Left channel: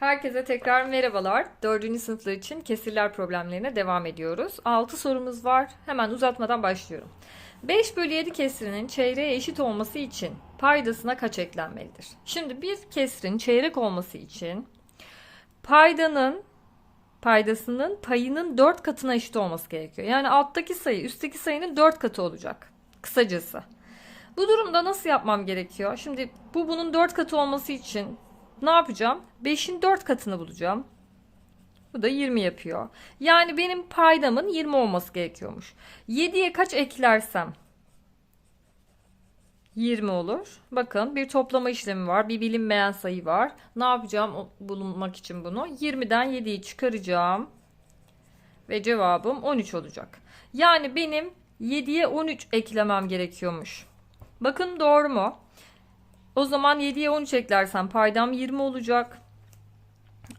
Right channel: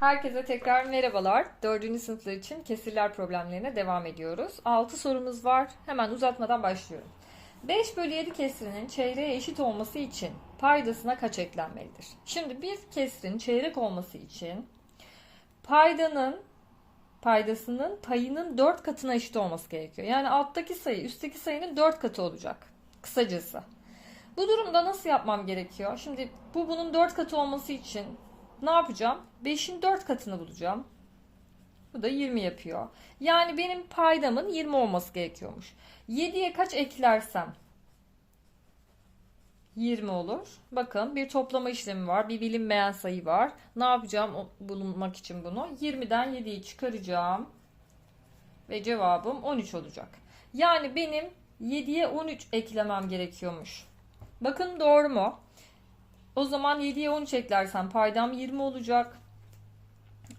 Herkese tekrar merhabalar. Dördüncü sınıflar için kesirler problemlerine devam ediyoruz. 6 sorumuz var. Hemen uzatmadan başlıyorum. 5 bölü 7 kesrinin çeyreğe eşit olması için paydasına kaç eklenmelidir? Şimdi bir kesrin çeyrek olması için paydanın paydasının payının 4 katına eşit olması gerekiyor. Yani alttaki sayı üstteki sayının 4 katı olacak. Kısacası. Bu durumda nasıl yapmam gerekiyor? Şimdi bu bunun 4 katı olması için ne yapacağım? 5'in 4 katını bulacağım. Bu da 20 yapıyor. Yani benim paydamın 20 olması gerekiyormuş. 7'ye kaç eklersem 20 olur. Bakın bir toplama işlemi var. Bir bilinmeyen sayı var. Ne yapacağım bulunmak için bunu? 20'den 7'yi çıkaracağım. Ve cevabım 13 olacak. Yani benim 7'ye 13 eklemem gerekiyormuş. Bakın doğru mu? O zaman 7'ye 13 eklersem paydam 20 olacak.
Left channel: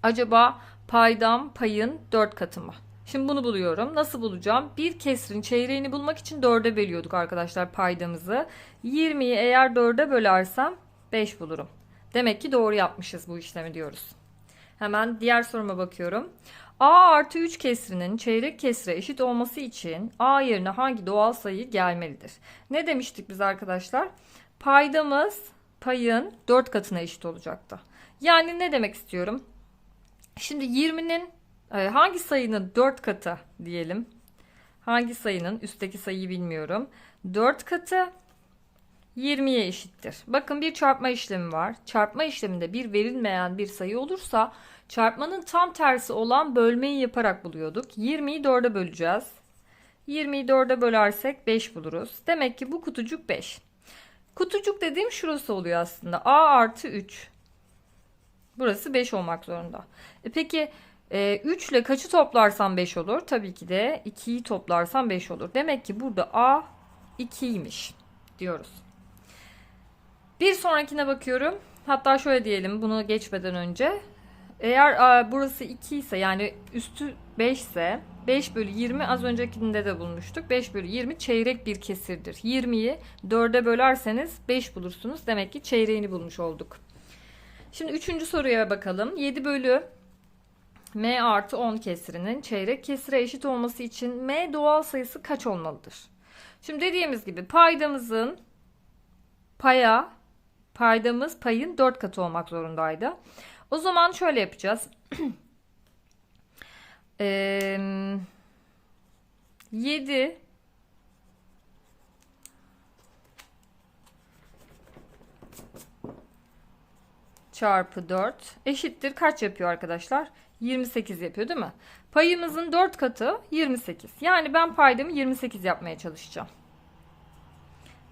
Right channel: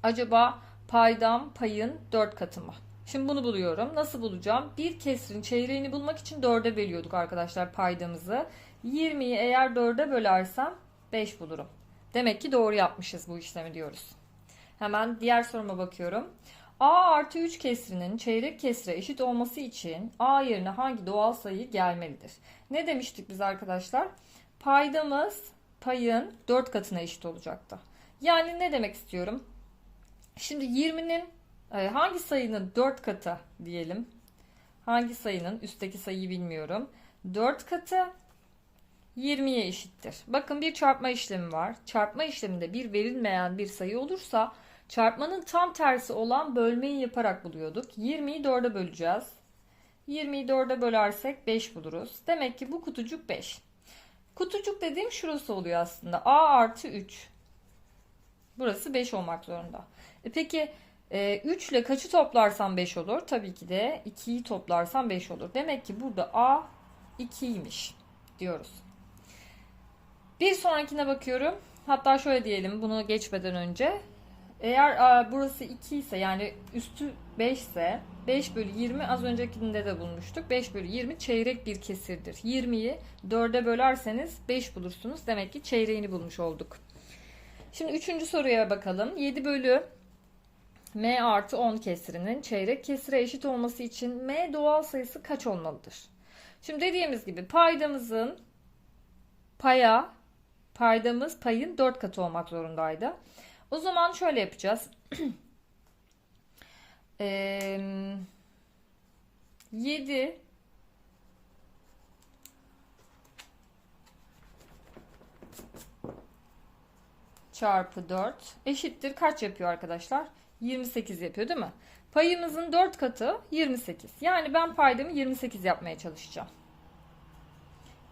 Acaba paydam payın 4 katı mı? Şimdi bunu buluyorum. Nasıl bulacağım? Bir kesrin çeyreğini bulmak için 4'e bölüyorduk arkadaşlar paydamızı. 20'yi eğer 4'e bölersem 5 bulurum. Demek ki doğru yapmışız bu işlemi diyoruz. Hemen diğer soruma bakıyorum. A artı 3 kesrinin çeyrek kesre eşit olması için A yerine hangi doğal sayı gelmelidir? Ne demiştik biz arkadaşlar? Paydamız payın 4 katına eşit olacaktı. Yani ne demek istiyorum? Şimdi 20'nin e, hangi sayının 4 katı diyelim. Hangi sayının üstteki sayıyı bilmiyorum. 4 katı 20'ye eşittir. Bakın bir çarpma işlemi var. Çarpma işleminde bir verilmeyen bir sayı olursa çarpmanın tam tersi olan bölmeyi yaparak buluyorduk. 20'yi 4'e böleceğiz. 20'yi 4'e bölersek 5 buluruz. Demek ki bu kutucuk 5. Kutucuk dediğim şurası oluyor aslında. A artı 3. Burası 5 olmak zorunda. E peki e, 3 ile kaçı toplarsam 5 olur? Tabii ki de 2'yi toplarsam 5 olur. Demek ki burada A 2'ymiş diyoruz. Bir sonrakine bakıyorum. Hatta şöyle diyelim bunu geçmeden önce. Eğer a, burası 2 ise yani üstü 5 ise 5 bölü 20 az öncekinde de bulmuştuk. 5 bölü 20 çeyrek bir kesirdir. 20'yi 4'e bölerseniz 5 bulursunuz. Demek ki çeyreğini bulmuş olduk. Şimdi üçüncü soruya bakalım. 7 bölü m artı 10 kesirinin çeyrek kesire eşit olması için m doğal sayısı kaç olmalıdır? Şimdi dediğimiz gibi paydamızın paya paydamız payın 4 katı olmak zorundaydı. O zaman şöyle yapacağız. Eee 7 çarpı 4 eşittir kaç yapıyor arkadaşlar? 28 yapıyor değil mi? Payımızın 4 katı 28. Yani ben paydamı 28 yapmaya çalışacağım.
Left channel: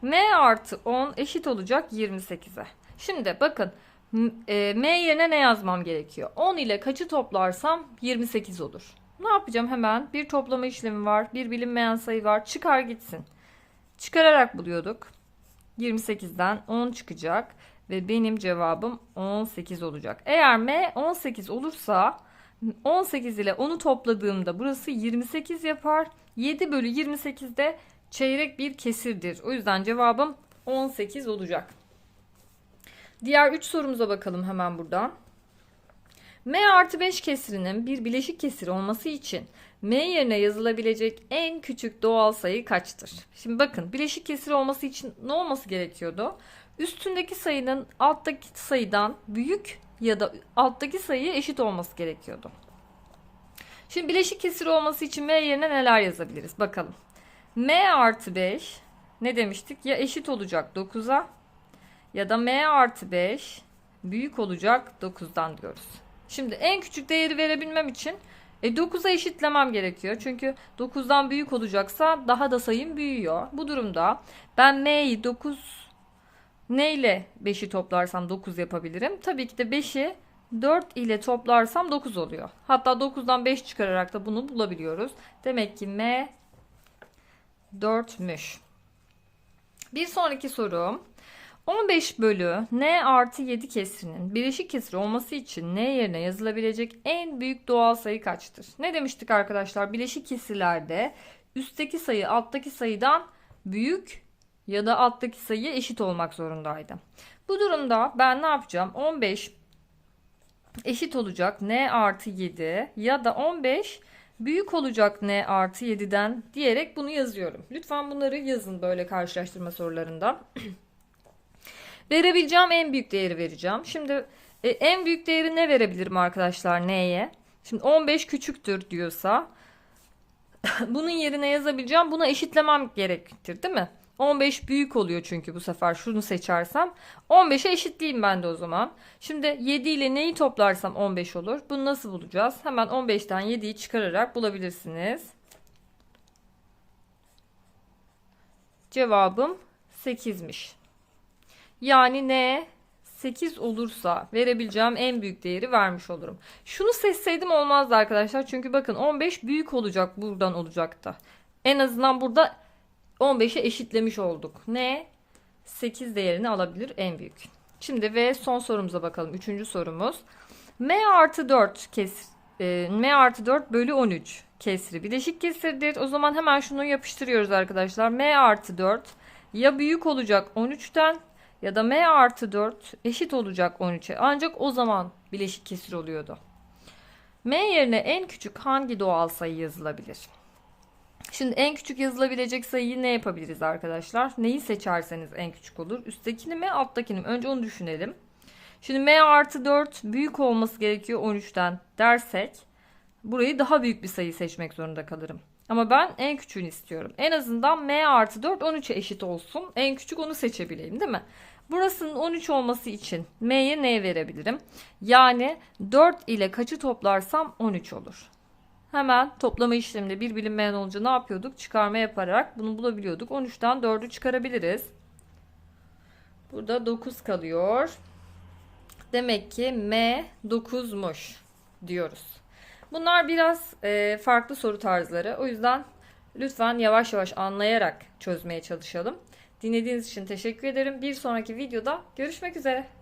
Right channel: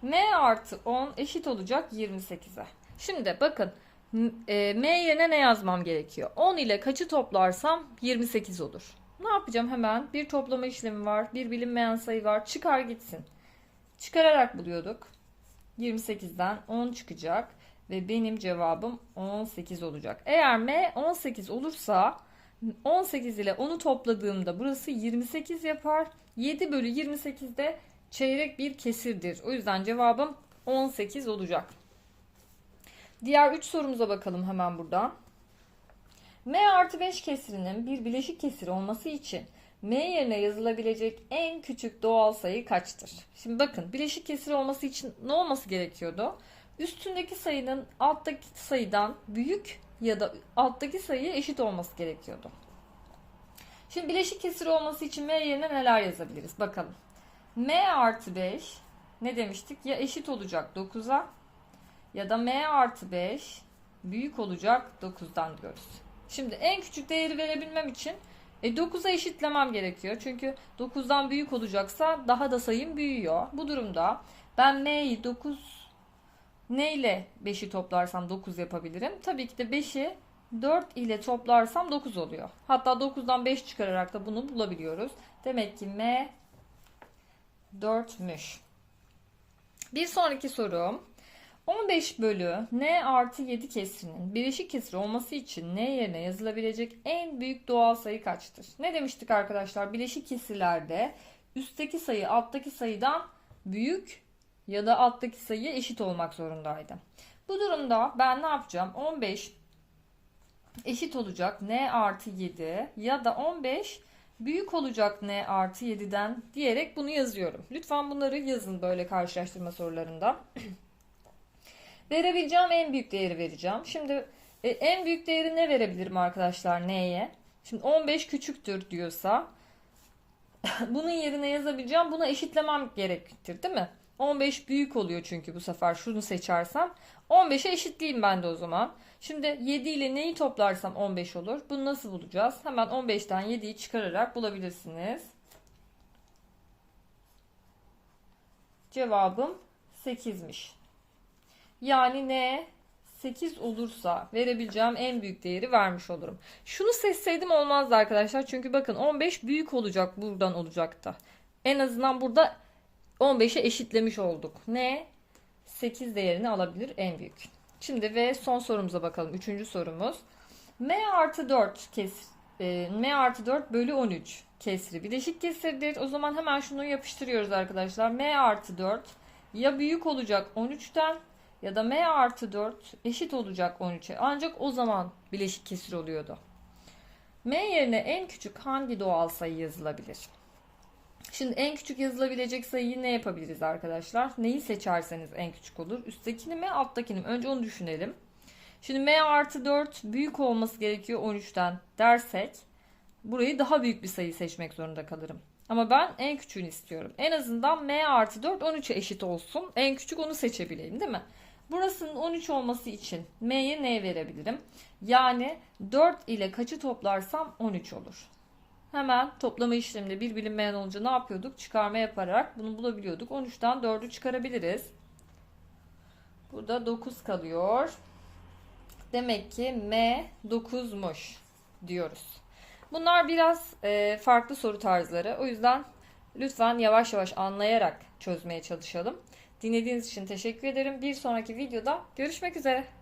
M artı 10 eşit olacak 28'e. Şimdi bakın m- e, yerine ne yazmam gerekiyor? 10 ile kaçı toplarsam 28 olur. Ne yapacağım hemen? Bir toplama işlemi var. Bir bilinmeyen sayı var. Çıkar gitsin. Çıkararak buluyorduk. 28'den 10 çıkacak. Ve benim cevabım 18 olacak. Eğer M 18 olursa 18 ile 10'u topladığımda burası 28 yapar. 7 bölü 28 de çeyrek bir kesirdir. O yüzden cevabım 18 olacak. Diğer 3 sorumuza bakalım hemen buradan. M artı 5 kesirinin bir bileşik kesir olması için M yerine yazılabilecek en küçük doğal sayı kaçtır? Şimdi bakın bileşik kesir olması için ne olması gerekiyordu? Üstündeki sayının alttaki sayıdan büyük ya da alttaki sayı eşit olması gerekiyordu. Şimdi bileşik kesir olması için M yerine neler yazabiliriz? Bakalım. M artı 5 ne demiştik? Ya eşit olacak 9'a ya da M artı 5 büyük olacak 9'dan diyoruz. Şimdi en küçük değeri verebilmem için e 9'a eşitlemem gerekiyor. Çünkü 9'dan büyük olacaksa daha da sayım büyüyor. Bu durumda ben M'yi 9 ne ile 5'i toplarsam 9 yapabilirim. Tabii ki de 5'i 4 ile toplarsam 9 oluyor. Hatta 9'dan 5 çıkararak da bunu bulabiliyoruz. Demek ki M 4'müş. Bir sonraki sorum. 15 bölü n artı 7 kesrinin bileşik kesir olması için n yerine yazılabilecek en büyük doğal sayı kaçtır? Ne demiştik arkadaşlar? Bileşik kesirlerde üstteki sayı alttaki sayıdan büyük ya da alttaki sayı eşit olmak zorundaydı. Bu durumda ben ne yapacağım? 15 eşit olacak n artı 7 ya da 15 büyük olacak n artı 7'den diyerek bunu yazıyorum. Lütfen bunları yazın böyle karşılaştırma sorularında. Verebileceğim en büyük değeri vereceğim. Şimdi e, en büyük değeri ne verebilirim arkadaşlar n'ye? Şimdi 15 küçüktür diyorsa bunun yerine yazabileceğim. Buna eşitlemem gerektir değil mi? 15 büyük oluyor çünkü bu sefer şunu seçersem. 15'e eşitleyeyim ben de o zaman. Şimdi 7 ile neyi toplarsam 15 olur. Bunu nasıl bulacağız? Hemen 15'ten 7'yi çıkararak bulabilirsiniz. Cevabım 8'miş. Yani ne? 8 olursa verebileceğim en büyük değeri vermiş olurum. Şunu seçseydim olmazdı arkadaşlar. Çünkü bakın 15 büyük olacak buradan olacaktı. En azından burada 15'e eşitlemiş olduk. Ne? 8 değerini alabilir en büyük. Şimdi ve son sorumuza bakalım. Üçüncü sorumuz. M artı 4 kes, e, M artı 4 bölü 13 kesri bileşik kesirdir. O zaman hemen şunu yapıştırıyoruz arkadaşlar. M artı 4 ya büyük olacak 13'ten ya da M artı 4 eşit olacak 13'e. Ancak o zaman bileşik kesir oluyordu. M yerine en küçük hangi doğal sayı yazılabilir? Şimdi en küçük yazılabilecek sayıyı ne yapabiliriz arkadaşlar? Neyi seçerseniz en küçük olur. Üsttekini mi alttakini mi? Önce onu düşünelim. Şimdi M artı 4 büyük olması gerekiyor 13'ten dersek burayı daha büyük bir sayı seçmek zorunda kalırım. Ama ben en küçüğünü istiyorum. En azından M artı 4 13'e eşit olsun. En küçük onu seçebileyim değil mi? Burasının 13 olması için M'ye ne verebilirim? Yani 4 ile kaçı toplarsam 13 olur. Hemen toplama işleminde bir bilinmeyen olunca ne yapıyorduk? Çıkarma yaparak bunu bulabiliyorduk. 13'ten 4'ü çıkarabiliriz. Burada 9 kalıyor. Demek ki M 9'muş diyoruz. Bunlar biraz e, farklı soru tarzları. O yüzden lütfen yavaş yavaş anlayarak çözmeye çalışalım. Dinlediğiniz için teşekkür ederim. Bir sonraki videoda görüşmek üzere.